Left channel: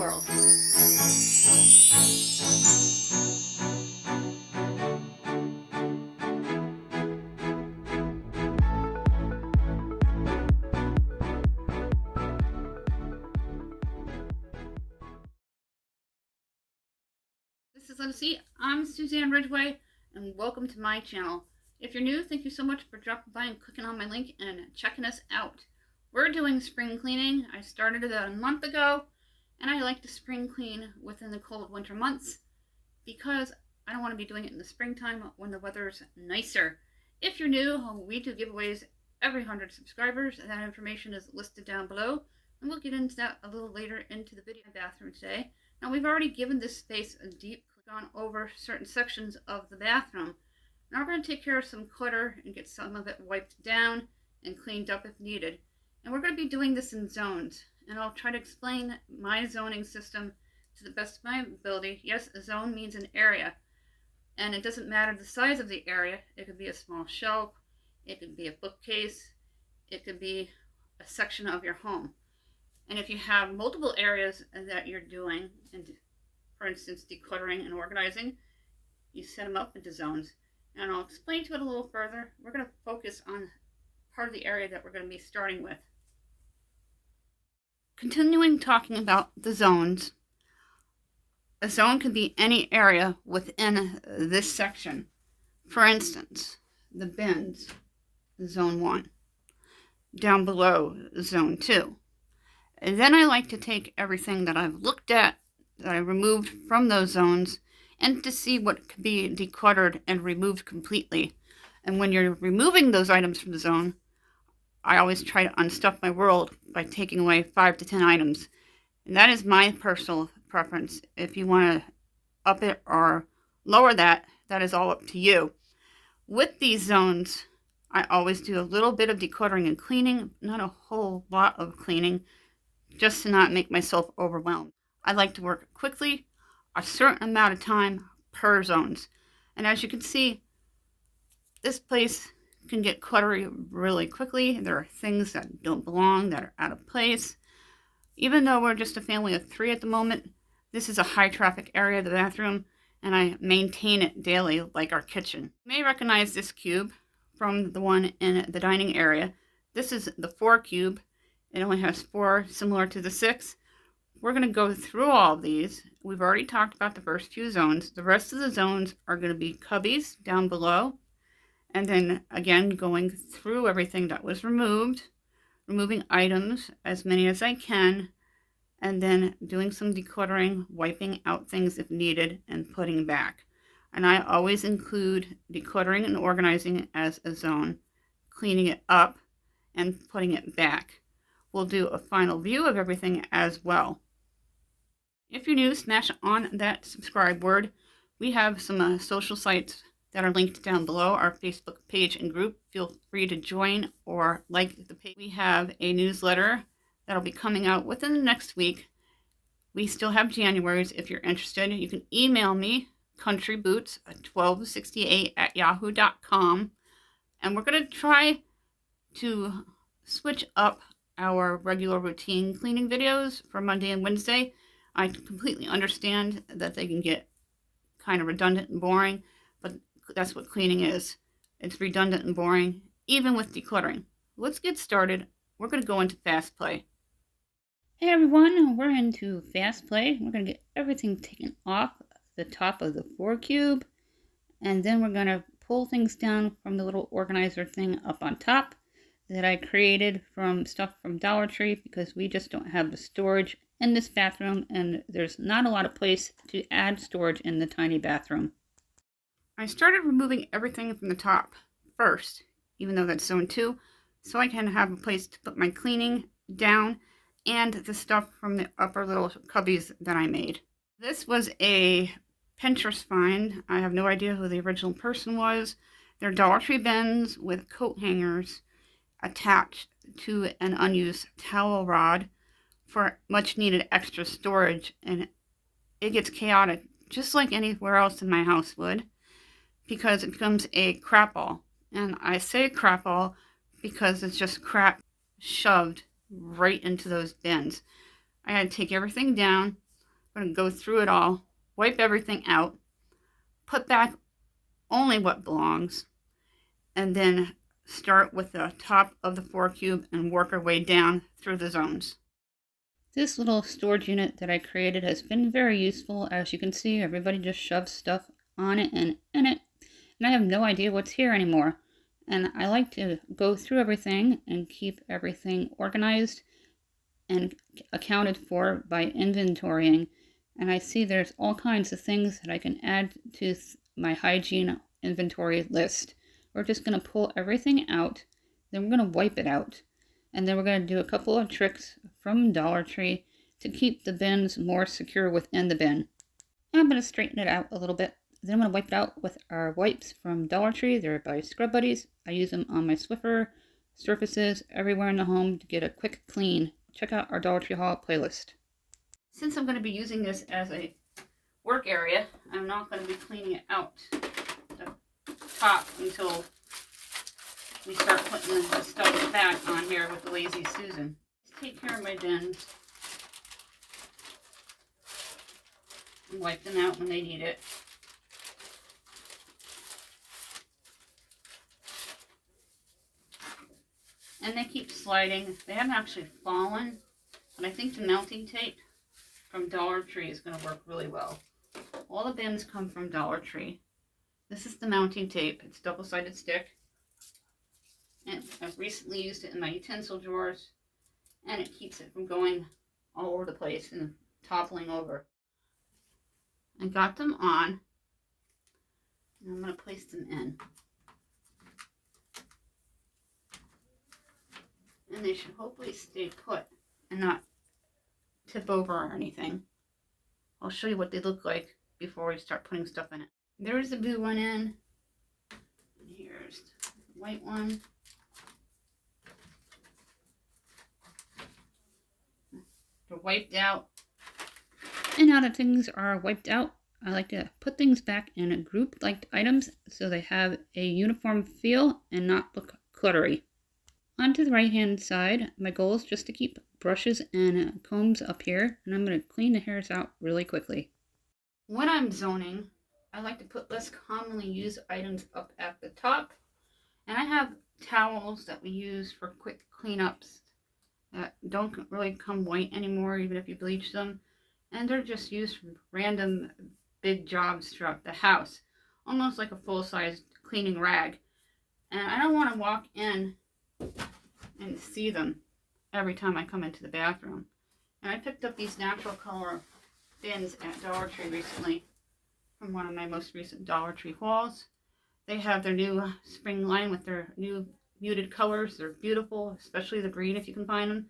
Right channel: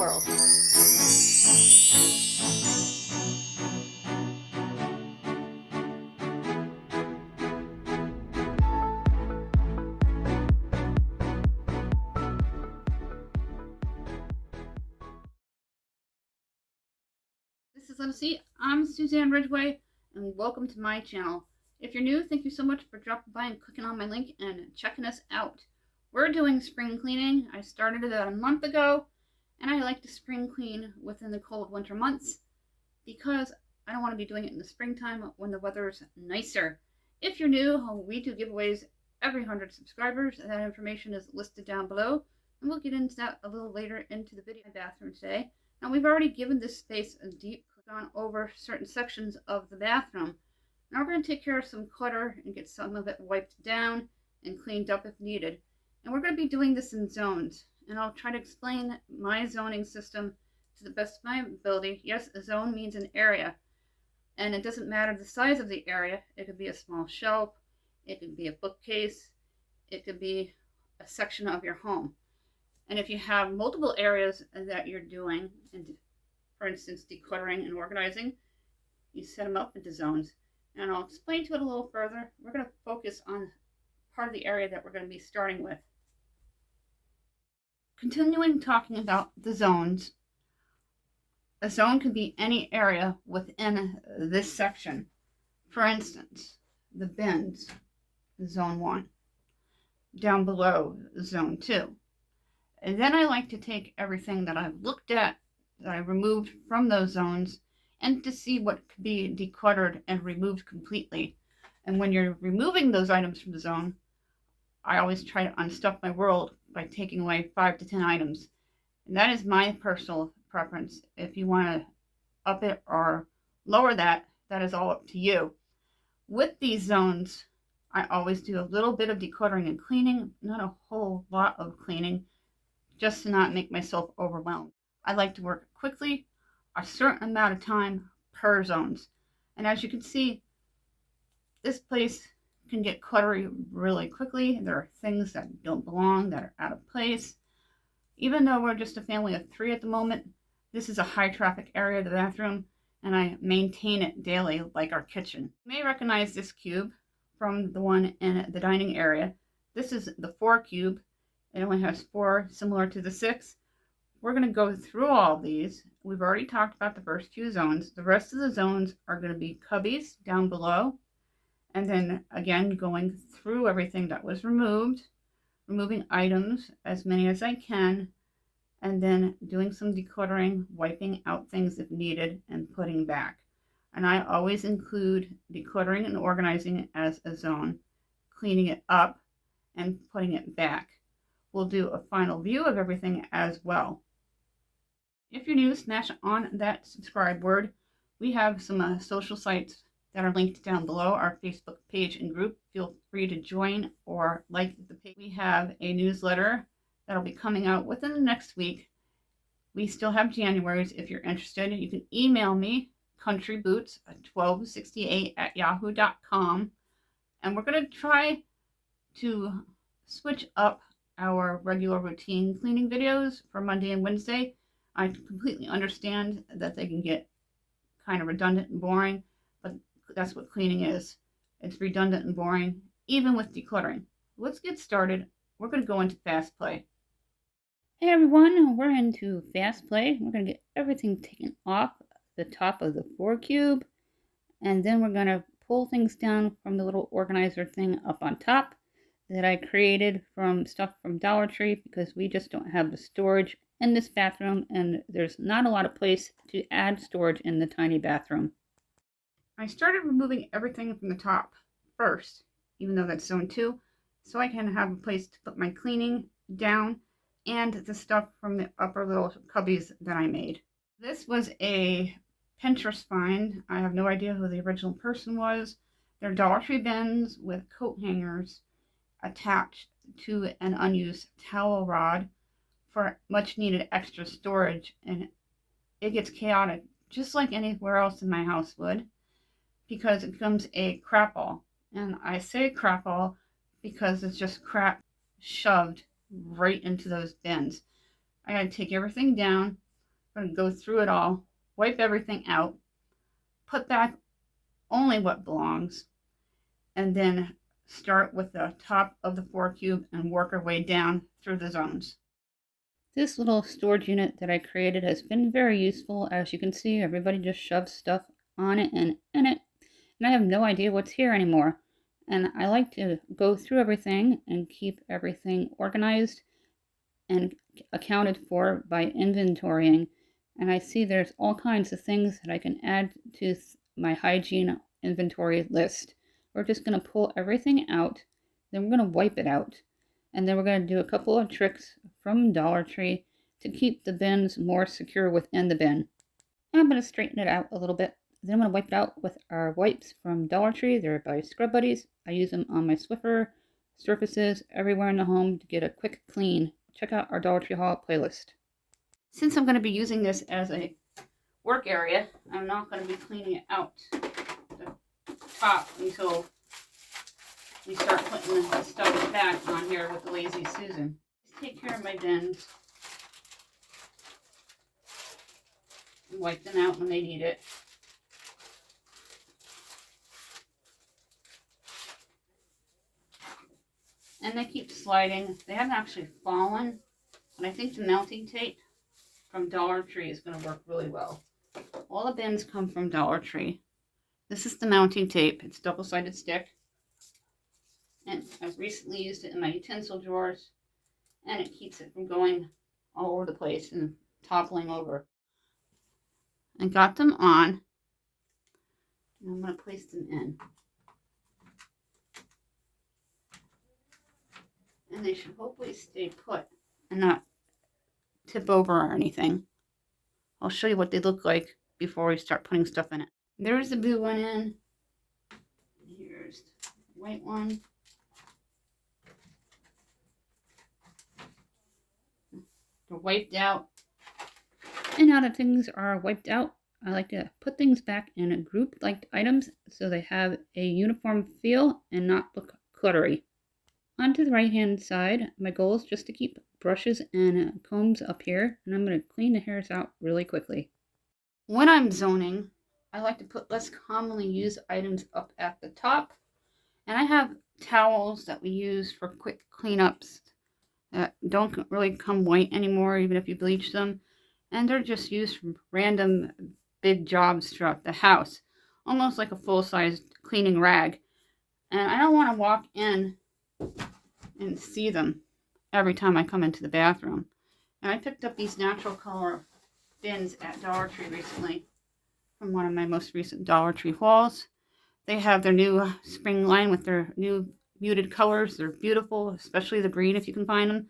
world. This is Lucy. I'm Suzanne Ridgway, and welcome to my channel. If you're new, thank you so much for dropping by and clicking on my link and checking us out. We're doing spring cleaning. I started about a month ago, and I like to spring clean within the cold winter months because I don't want to be doing it in the springtime when the weather's nicer. If you're new, we do giveaways every 100 subscribers, and that information is listed down below, and we'll get into that a little later into the video. Bathroom today. Now, we've already given this space a deep gone over certain sections of the bathroom. Now we're going to take care of some clutter and get some of it wiped down and cleaned up if needed. And we're going to be doing this in zones. And I'll try to explain my zoning system to the best of my ability. Yes, a zone means an area. And it doesn't matter the size of the area. It could be a small shelf. It could be a bookcase. It could be a section of your home. And if you have multiple areas that you're doing, and for instance, decluttering and organizing, you set them up into zones. And I'll explain to it a little further. We're going to focus on part of the area that we're going to be starting with. Continuing talking about the zones, a zone could be any area within this section. For instance, the bins, zone 1. Down below, zone 2. And then I like to take everything that I've looked at, that I removed from those zones, and to see what could be decluttered and removed completely. And when you're removing those items from the zone, I always try to unstuff my world by taking away 5 to 10 items. And that is my personal preference. If you want to up it or lower that, that is all up to you. With these zones, I always do a little bit of decluttering and cleaning, not a whole lot of cleaning, just to not make myself overwhelmed. I like to work quickly, a certain amount of time per zones. And as you can see, this place can get cluttery really quickly. There are things that don't belong, that are out of place. Even though we're just a family of 3 at the moment, this is a high traffic area of the bathroom, and I maintain it daily like our kitchen. You may recognize this cube from the one in the dining area. This is the 4 cube. It only has 4, similar to the 6. We're going to go through all of these. We've already talked about the first few zones. The rest of the zones are going to be cubbies down below. And then again, going through everything that was removed, removing items, as many as I can, and then doing some decluttering, wiping out things if needed, and putting back. And I always include decluttering and organizing as a zone, cleaning it up, and putting it back. We'll do a final view of everything as well. If you're new, smash on that subscribe word. We have some social sites that are linked down below, our Facebook page and group. Feel free to join or like the page. We have a newsletter that'll be coming out within the next week. We still have January's if you're interested. You can email me, countryboots1268@yahoo.com. And we're going to try to switch up our regular routine cleaning videos for Monday and Wednesday. I completely understand that they can get kind of redundant and boring, but that's what cleaning is. It's redundant and boring, even with decluttering. Let's get started. We're going to go into fast play. Hey everyone, we're into fast play. We're going to get everything taken off the top of the 4 cube, and then we're going to pull things down from the little organizer thing up on top that I created from stuff from Dollar Tree, because we just don't have the storage in this bathroom, and there's not a lot of place to add storage in the tiny bathroom. I started removing everything from the top first, even though that's zone 2, so I can have a place to put my cleaning down and the stuff from the upper little cubbies that I made. This was a Pinterest find. I have no idea who the original person was. They're Dollar Tree bins with coat hangers attached to an unused towel rod for much needed extra storage, and it gets chaotic just like anywhere else in my house would, because it becomes a crap all. And I say crap all because it's just crap shoved right into those bins. I had to take everything down, I'm going to go through it all, wipe everything out, put back only what belongs, and then start with the top of the 4 cube and work our way down through the zones. This little storage unit that I created has been very useful. As you can see, everybody just shoves stuff on it and in it, and I have no idea what's here anymore. And I like to go through everything and keep everything organized and accounted for by inventorying. And I see there's all kinds of things that I can add to my hygiene inventory list. We're just going to pull everything out, then we're going to wipe it out, and then we're going to do a couple of tricks from Dollar Tree to keep the bins more secure within the bin. And I'm going to straighten it out a little bit. Then I'm going to wipe it out with our wipes from Dollar Tree. They're by Scrub Buddies. I use them on my Swiffer surfaces everywhere in the home to get a quick clean. Check out our Dollar Tree haul playlist. Since I'm going to be using this as a work area, I'm not going to be cleaning it out the top until we start putting the stuff back on here with the Lazy Susan. Take care of my bins. And wipe them out when they need it. And they keep sliding. They haven't actually fallen, but I think the mounting tape from Dollar Tree is going to work really well. All the bins come from Dollar Tree. This is the mounting tape. It's double-sided stick. And I've recently used it in my utensil drawers, and it keeps it from going all over the place and toppling over. I got them on, and I'm going to place them in. And they should hopefully stay put and not tip over or anything. I'll show you what they look like before we start putting stuff in it. There's the blue one in. And here's the white one. They're wiped out. And now that things are wiped out, I like to put things back in a group like items so they have a uniform feel and not look cluttery. Onto the right hand side, my goal is just to keep brushes and combs up here, and I'm going to clean the hairs out really quickly. When I'm zoning, I like to put less commonly used items up at the top, and I have towels that we use for quick cleanups that don't really come white anymore, even if you bleach them, and they're just used for random big jobs throughout the house, almost like a full-size cleaning rag. And I don't want to walk in and see them every time I come into the bathroom. And I picked up these natural color bins at Dollar Tree recently from one of my most recent Dollar Tree hauls. They have their new spring line with their new muted colors. They're beautiful, especially the green if you can find them.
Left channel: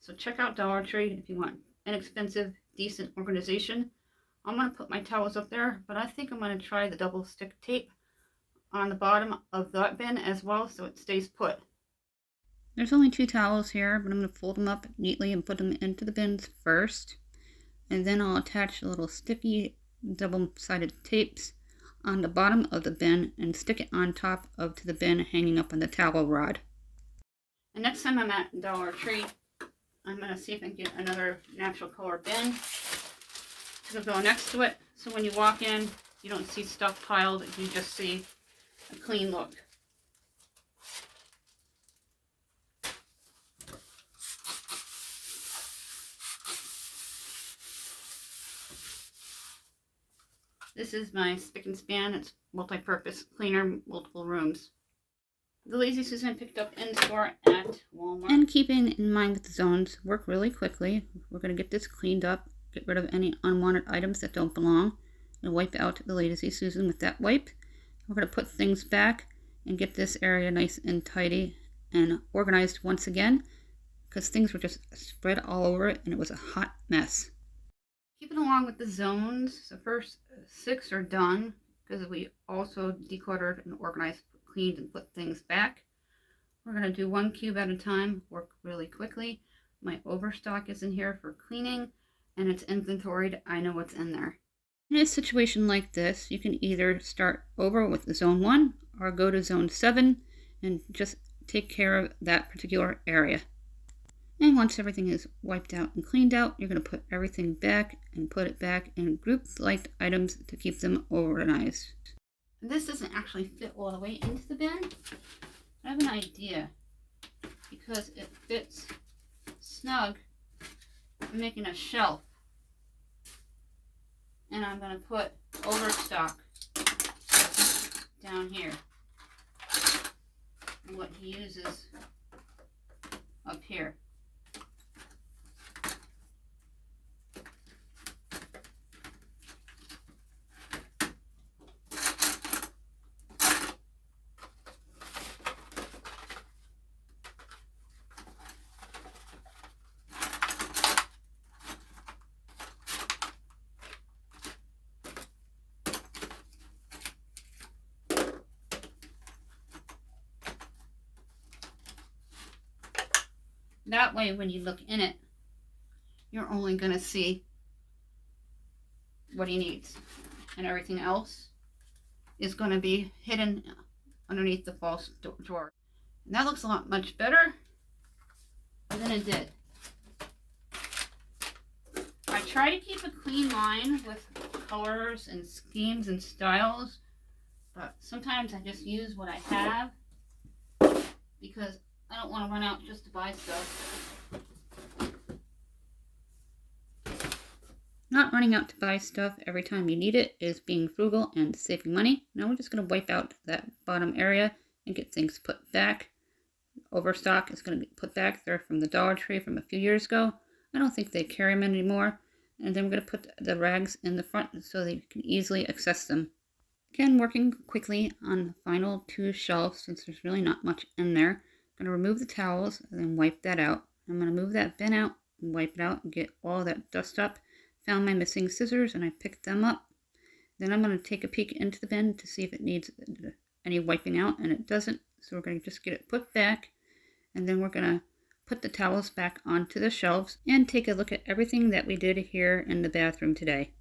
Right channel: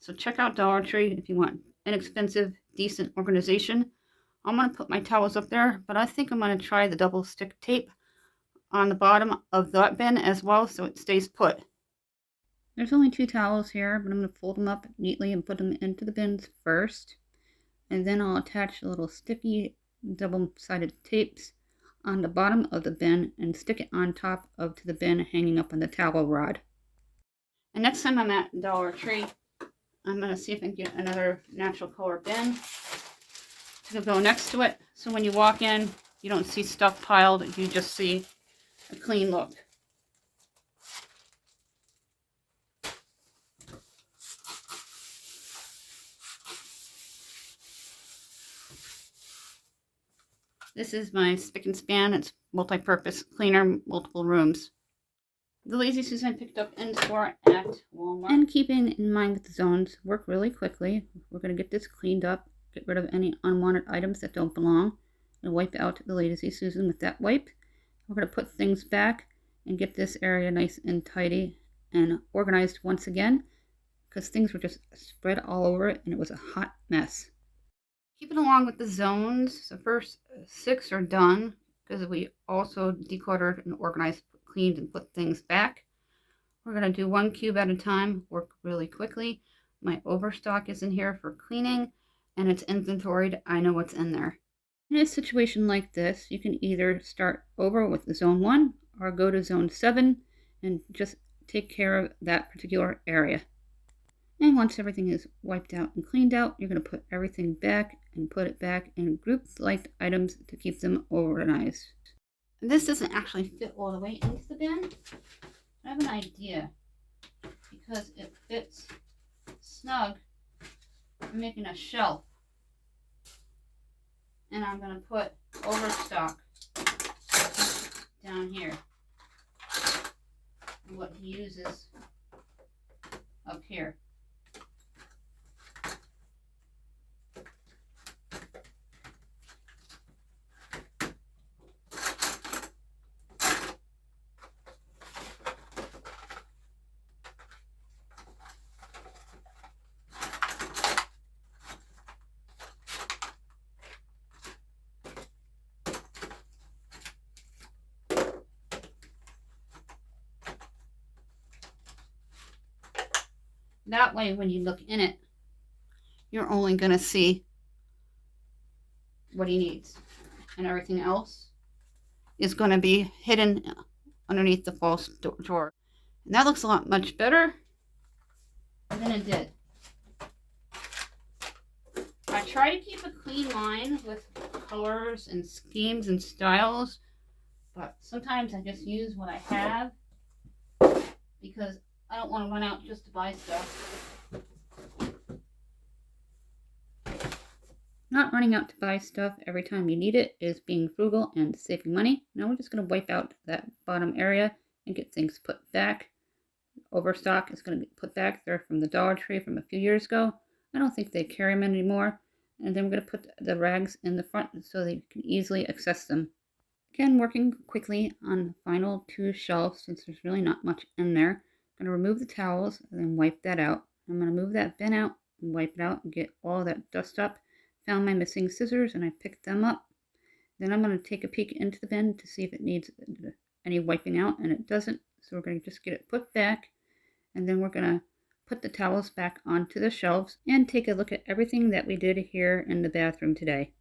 So check out Dollar Tree if you want inexpensive, decent organization. I'm going to put my towels up there, but I think I'm going to try the double stick tape on the bottom of that bin as well so it stays put. There's only 2 towels here, but I'm going to fold them up neatly and put them into the bins first. And then I'll attach the little sticky double-sided tapes on the bottom of the bin and stick it on top of the bin hanging up on the towel rod. And next time I'm at Dollar Tree, I'm going to see if I can get another natural color bin to go next to it. So when you walk in, you don't see stuff piled, you just see a clean look. This is my spick and span. It's multi-purpose cleaner, multiple rooms. The Lazy Susan picked up in store at Walmart. And keeping in mind with the zones, work really quickly. We're going to get this cleaned up, get rid of any unwanted items that don't belong, and wipe out the Lazy Susan with that wipe. We're going to put things back and get this area nice and tidy and organized once again, because things were just spread all over it and it was a hot mess. Keeping along with the zones, the first 6 are done because we also decluttered and organized, cleaned, and put things back. We're going to do 1 cube at a time, work really quickly. My overstock is in here for cleaning and it's inventoried. I know what's in there. In a situation like this, you can either start over with zone 1 or go to zone 7 and just take care of that particular area. And once everything is wiped out and cleaned out, you're going to put everything back and put it back in group liked items to keep them organized. This doesn't actually fit all the way into the bin. I have an idea because it fits snug. I'm making a shelf, and I'm going to put overstock down here, and what he uses up here. That way, when you look in it, you're only going to see what he needs, and everything else is going to be hidden underneath the false drawer. And that looks a lot much better than it did. I try to keep a clean line with colors and schemes and styles, but sometimes I just use what I have because I don't want to run out just to buy stuff. Not running out to buy stuff every time you need it is being frugal and saving money. Now we're just going to wipe out that bottom area and get things put back. Overstock is going to be put back there from the Dollar Tree from a few years ago. I don't think they carry them anymore. And then we're going to put the rags in the front so that you can easily access them. Again, working quickly on the final two shelves since there's really not much in there. I'm going to remove the towels and then wipe that out. I'm going to move that bin out and wipe it out and get all that dust up. Found my missing scissors and I picked them up. Then I'm going to take a peek into the bin to see if it needs any wiping out, and it doesn't. So we're going to just get it put back, and then we're going to put the towels back onto the shelves and take a look at everything that we did here in the bathroom today.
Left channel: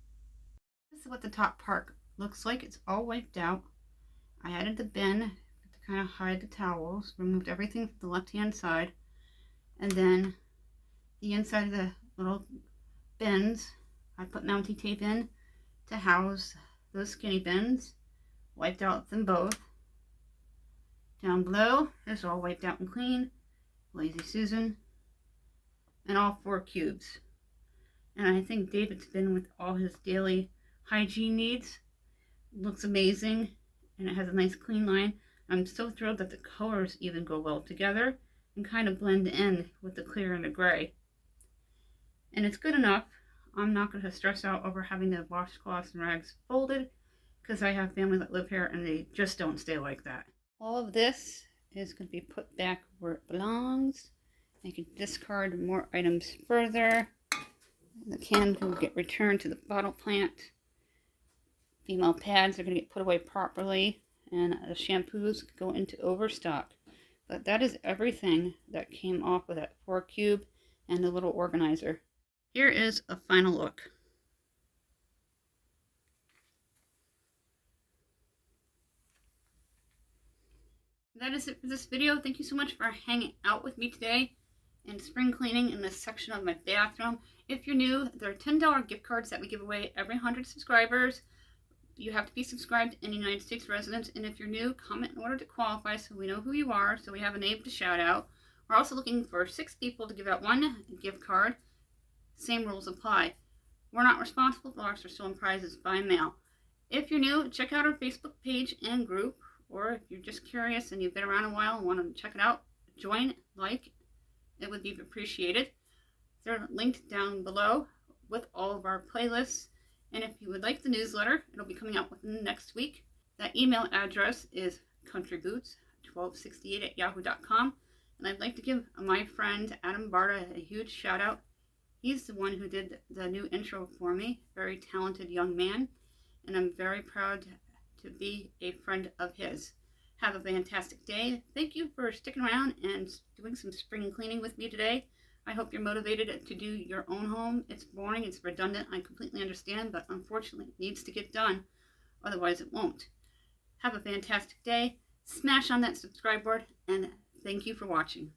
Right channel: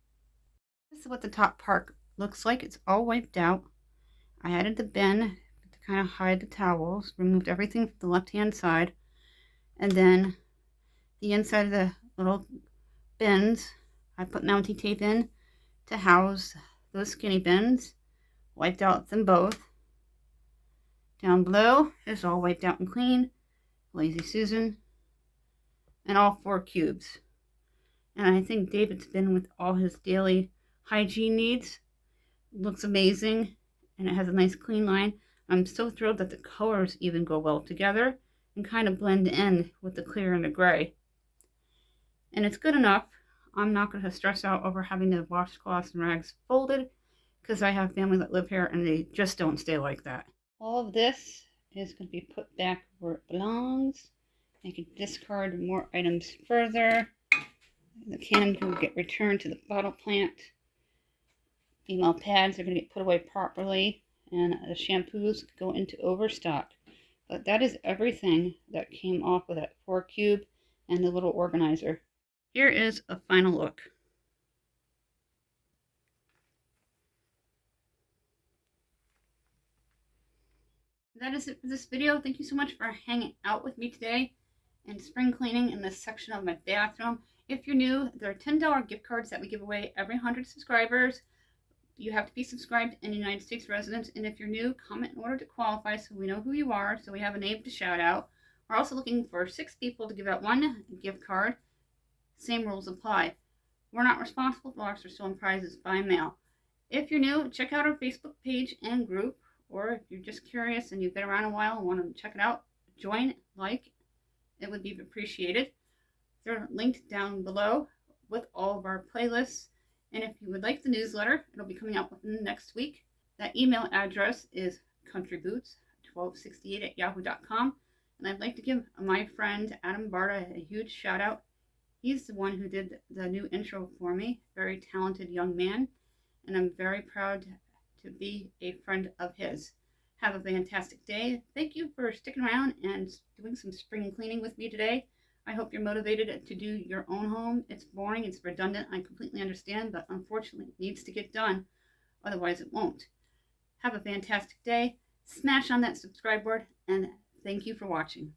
This is what the top part looks like. It's all wiped out. I added the bin to kind of hide the towels, removed everything from the left-hand side, and then the inside of the little bins I put mounting tape in to house those skinny bins. Wiped out them both. Down below is all wiped out and clean. Lazy Susan. And all 4 cubes. And I think David's bin with all his daily hygiene needs. Looks amazing. And it has a nice clean line. I'm so thrilled that the colors even go well together and kind of blend in with the clear and the gray. And it's good enough. I'm not going to stress out over having the washcloths and rags folded because I have family that live here and they just don't stay like that. All of this is going to be put back where it belongs. I can discard more items further. The cans will get returned to the bottle plant. Female pads are going to get put away properly, and the shampoos go into overstock. But that is everything that came off of that 4 cube and the little organizer. Here is a final look. That is it for this video. Thank you so much for hanging out with me today and spring cleaning in this section of my bathroom. If you're new, there are $10 gift cards that we give away every 100 subscribers. You have to be subscribed and United States residents. And if you're new, comment in order to qualify so we know who you are, so we have a name to shout out. We're also looking for 6 people to give out 1 gift card. Same rules apply. We're not responsible for lost or stolen prizes by mail. If you're new, check out our Facebook page and group, or if you're just curious and you've been around a while and want to check it out, join, like, it would be appreciated. They're linked down below with all of our playlists. And if you would like the newsletter, it'll be coming out within the next week. That email address is countryboots1268@yahoo.com. And I'd like to give my friend Adam Barta a huge shout out. He's the one who did the new intro for me. Very talented young man. And I'm very proud to be a friend of his. Have a fantastic day. Thank you for sticking around and doing some spring cleaning with me today. I hope you're motivated to do your own home. It's boring, it's redundant, I completely understand, but unfortunately it needs to get done. Otherwise it won't. Have a fantastic day. Smash on that subscribe board, and thank you for watching.